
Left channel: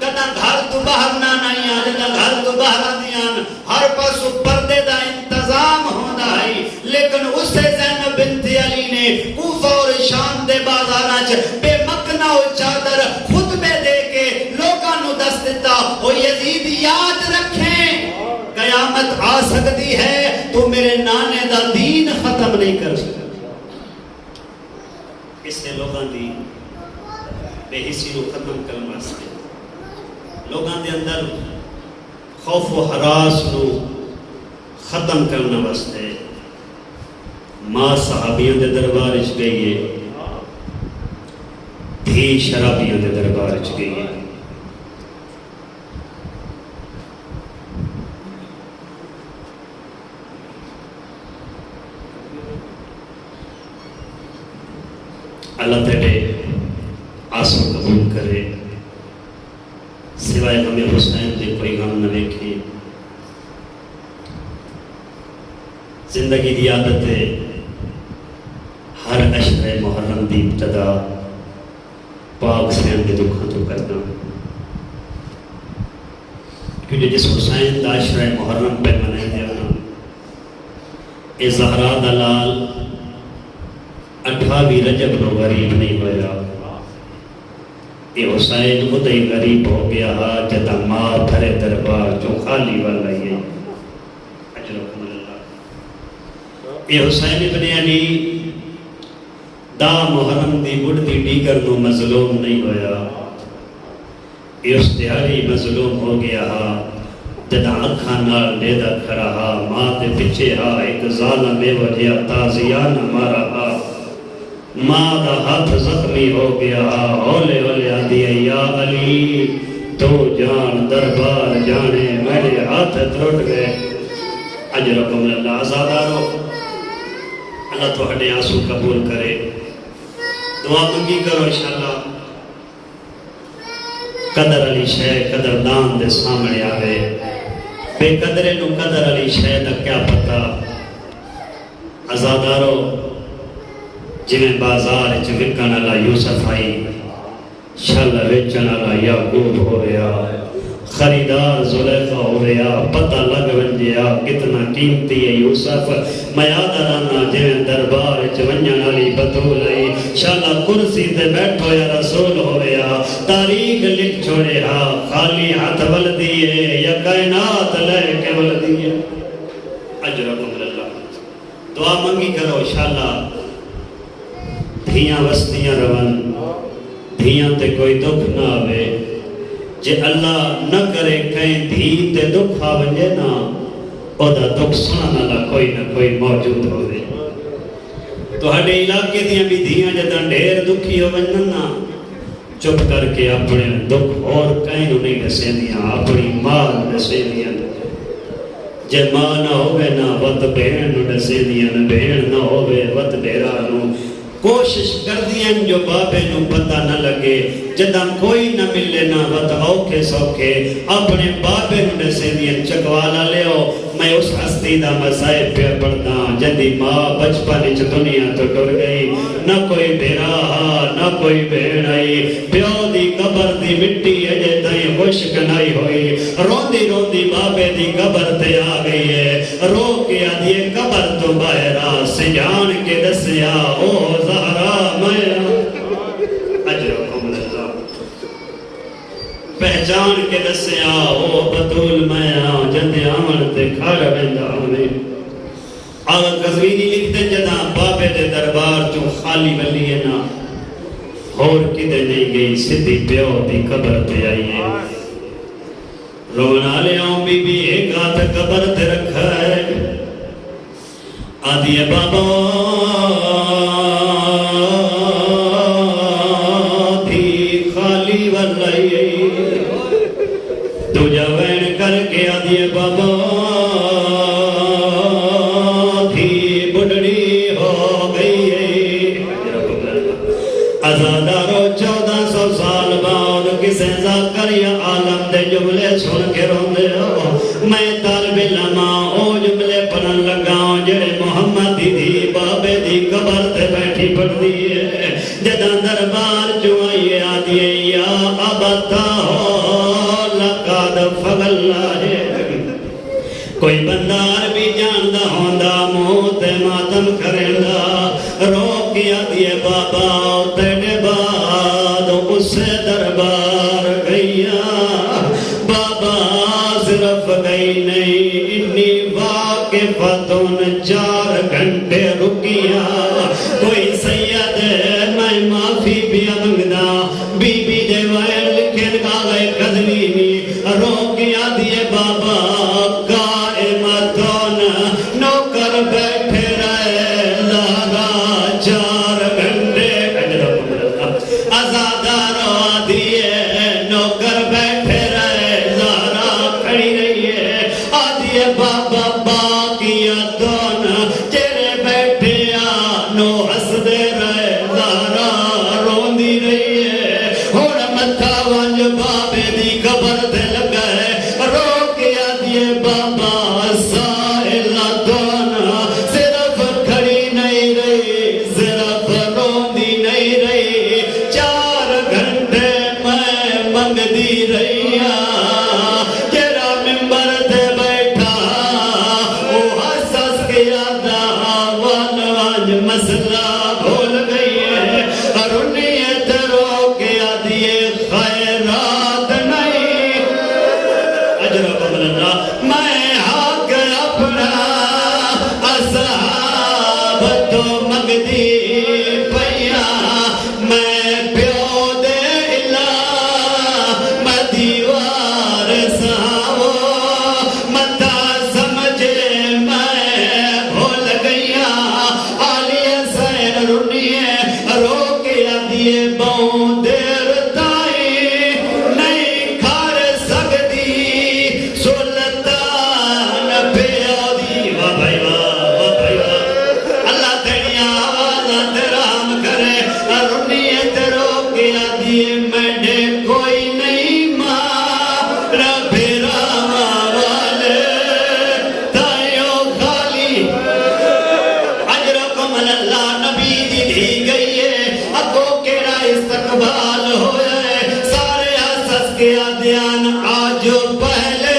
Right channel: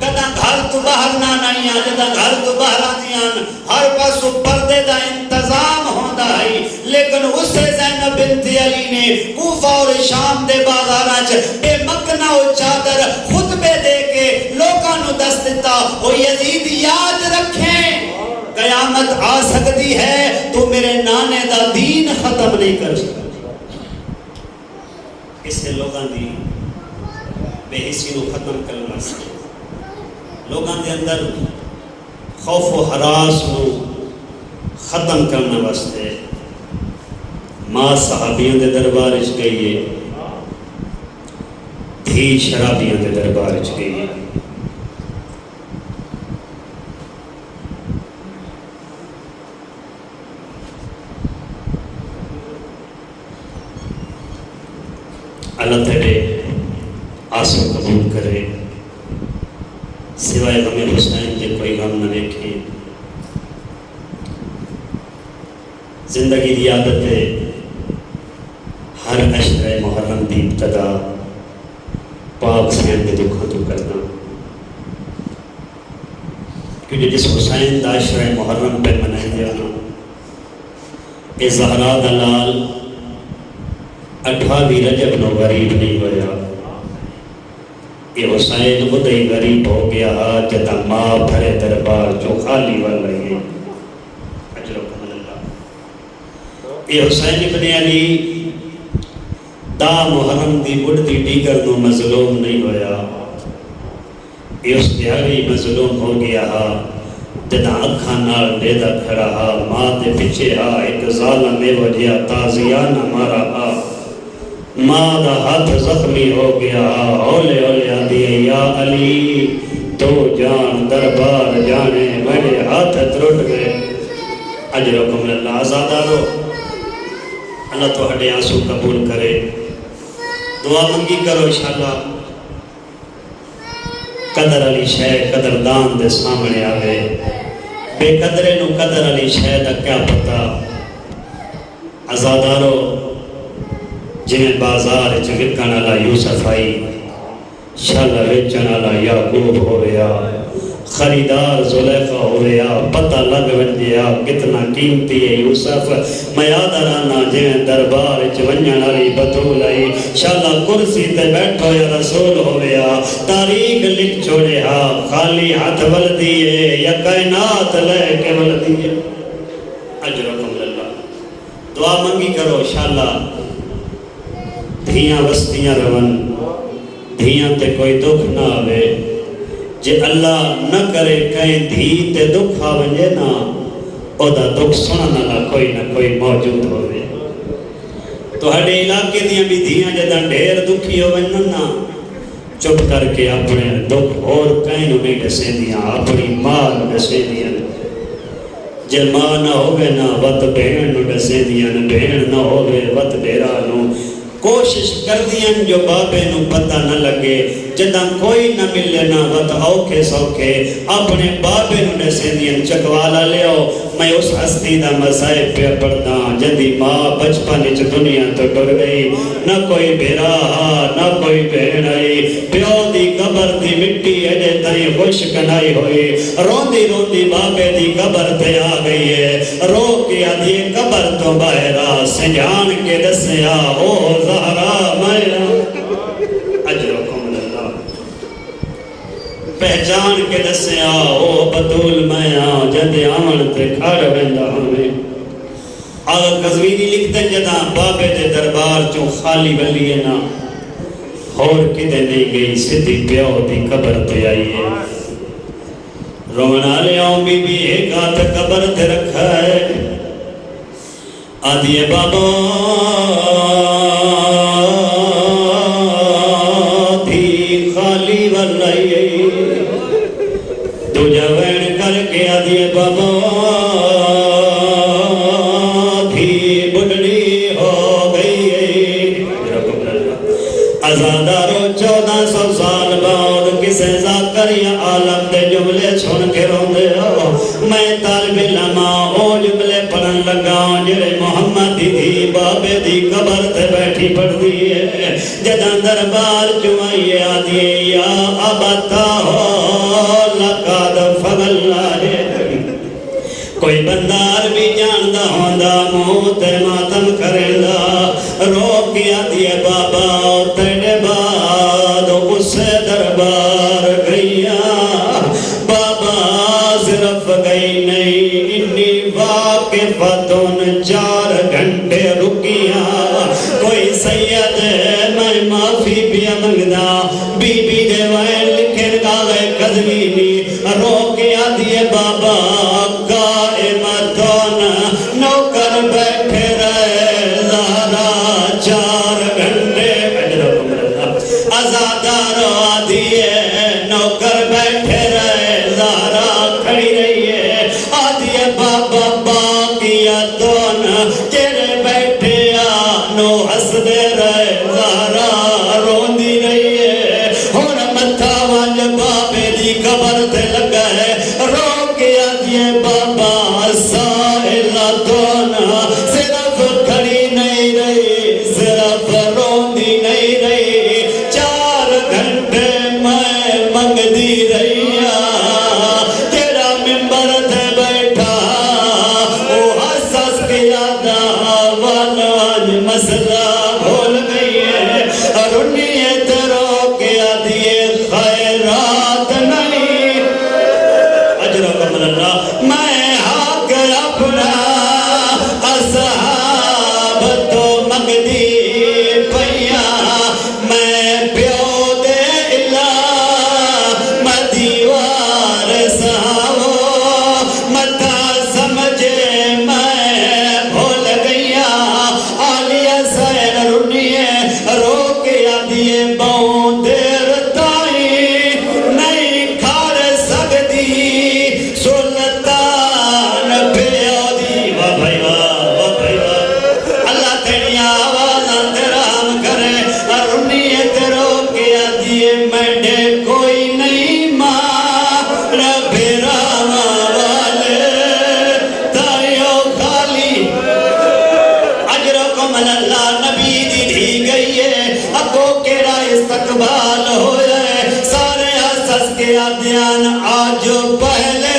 کدا گھر تو باہر نہ آئیاں جدا گھر تو باہر آندیاں ہر پاسوں پردے دا انتظام ہوندا ہے لیکن اس زینب بنت علی نے کوفہ اور شام دے بازاراں وچ بے مکنا او چادر خطبے دے کے لوکاں نو دس دتا او یزید یاد رکھیں قیامت آ سکتی ہے تو میرے نانے دا دین ختم نہیں کر سکتا اسے لوگاں دی بے حسی نو ختم کرنا واسطے لوگاں دے اندر خوف و ہراس نو ختم کرنے واسطے ماں صحابیوں دے دربار وچ گئی ہے دھی شرابیوں دے دربار وچ گئی ہے اللہ تیرے آسم قبول کرے سوائے ہمیں حسین کے کوئی غم نہ دیکھیں زندگی دی عادت ہے ہر عشر محرم دی ابتدا پاک حسین کے دکھوں تو کرنا کیونکہ جس حسین دا عشر محرم پہ منائے دے ہونا اے زہرا دلال 28 رجب نو غریب نہیں ہویا یہ حسین خود ہی غریب ہو گیا جدا ماں بھرے دربار جو خالی والا یہ اجرکم اللہ یہ حسین ابن علی دا محرم دی بڑھتی ڈیگر نو مظلوم نہیں ہویا یہ اس دیاری مظلوم ہو گیا جدا اکھاں نال لیدہ کھڑا ماں تے پچھے ایک ظالم میں وجہ تازیانہ مارا ماں دا ہاتھ زخمی ہو گیا اولے اولے آدھی یا علی تو جان دربار جانے میرے ہاتھ ترٹ گئے اجرکم اللہ آزادارو اللہ تو ہٹے آنسو قبول کرے دعا منگی کرو انشاءاللہ قدر علی شہ قدردان دے سامنے آوے بے قدرے نو قدر علی شہ دا کیا پتا آزادارو جنہیں بازار چکرکن اللہ یوسف آئی شل ویچن اللہ یعقوب ہو رہا خریدار زلیخہ ہو رہا پتہ لگ ونجیا کتنا قیمتی ہے یوسف میاد رانا جنہیں دربار چونجن علی بطول آئی شاللہ کرسی تے بیٹھو یا رسول ہو رہا تاریخ لکھ چھوڑے خالی ہاتھ ولدیے یا کائنات لے کے ولدیے اجرکم اللہ دعا منگی کرو شاللہ دھیاں وستیاں رون دھیاں تے کوئی دکھ نہ آوے جے اللہ نہ کرے کہیں دھی تے دکھ آوے نا او دا دکھ سنانا نہ کوئی موجود ہوئے تو ہڑے علاقے دیاں بھی دھیاں جدا ڈھیر دکھی ہوئے نا چپ کر کے اپنے دکھ اور کہیں نہیں ڈسے دیاں اپنی ماں ڈسے دیاں جے ماں نہ ہوئے نا وط بہن ڈسے دیاں بہن نہ ہوئے وط بہرا نو کوشش کر دیا جو بابے نو پتہ نہ لگے جدہ کوئی نہ ملے نہ وقت اوکھے سوکھے اپنے بابے نو نسے دیا چکوالا لے ہو میں اس ہستی دا مسائب پہ پڑھتا جدی ماں بچپن اچ دنیا تو ڈر گئی نہ کوئی بھیرا نہ کوئی بہن آئی پیو دی قبر دی مٹی اجے تائیں خشک نہیں ہوئی روندی روندی بابے دی قبر تے آ گئی ہے رو کے آدھی قبر تو باہرہ سجان کے دسیا او زہرا میرا اجرکم اللہ پہچان کے دسیا او بطول میں جدے آمن تے کھاڑ بندہ ہمیں آغا قزوینی لکھتے جدا بابے دے دربار جو خالی ولی ہے نا اور کتے نہیں گئی سدھی پیو دی قبر تے آئی ہے رونا لے آؤں بی بی ایک آتھ قبر تے رکھا ہے آدھی بابا تھی خالی ولی تو جوین کر کے آدھی بابا تھی بڑھڑی ہو گئی ازادارو 1400 سال بعد کسے ذاکر یا عالم دے جملے سن کے روندے ہو میں طالب علم او جملے پڑھن لگا جڑے محمد دیے یا ابتا لقد فغلنا ہے کوئی بندار بھی جاندہ ہوندہ موت ماتم کرندہ روکیا دیے بابا تیرے بعد اسے دربار گئیا بابا صرف گئی نہیں انی واقفتن 4 گھنٹے رکیا کوئی سید میں معافی پیا منگدا بی بی دے وائن لکھن کاغے قدمی روکیا دیے بابا قائمتون نوکر بیٹھے رہے زہرا 4 گھنٹے ازادارہ دیے نوکر بیٹھے رہے زہرا کھڑی رہی ہے آدھیے بابا باقیتون تیرے بیٹھے آنو ہس دے رہے زہرا روندی رہی ہے اور متھا وانج بابے دی قبر تے لگا ہے روکیا دیے بابا سائلتون صرف کھڑی نہیں رہی صرف روندی نہیں رہی 4 گھنٹے میں منگ دی رہی تیرا ممبر تے بیٹھا او حسس کے یادہ وان وان مسئلہ بھول گئی ہے رنیت روکیا دیے خیرات نہیں اجرو قبل اللہ میں حق اپنا اصحاب تو مگدی پیا میں پیو دے اللہ مدیوار ساو متا سمجھے میں بھول گیا آلیہ سین رنیے روکیا دیے باؤں دیر تائی نہیں کھار سکتی سلطان پیادی اللہ تیری آواز درام کرے رنیت روکیا دیے میں کوئی نہیں ماں رب راما والے تائیو خالی اجرکم اللہ نبی دی گئی ہے ابو کیڑا استقبال ہوئے سارے حسس کے آدھیان آج پہلے